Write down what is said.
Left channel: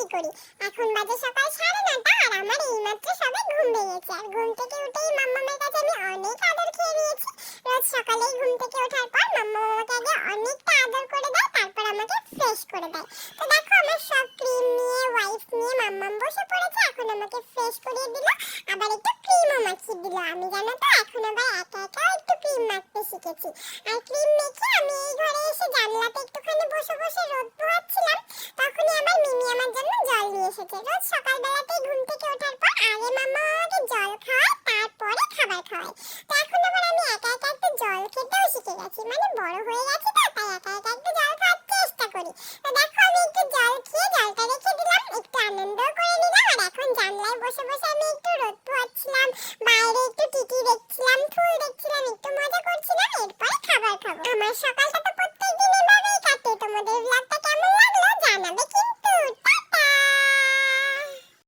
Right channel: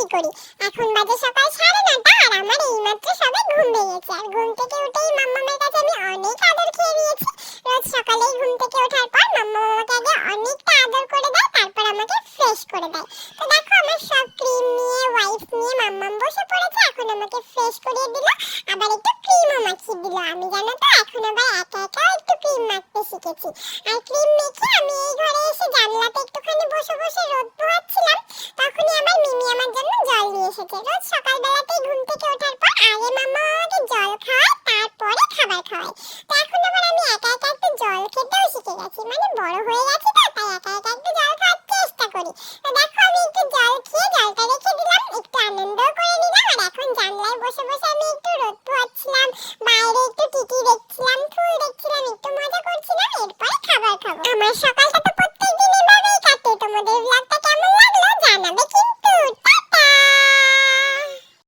কি করি। এখন বাজে সকাল 9:30 আর আমার এইমাত্র সবে ঘুম ভেঙেছে। আর ঘুম থেকে উঠেই মাম্মামের কাছে আমি অনেক আদর খেয়ে নিয়েছি। রোজ সকালেই ঘুম থেকে ওঠার পর মাম্মা আমাকে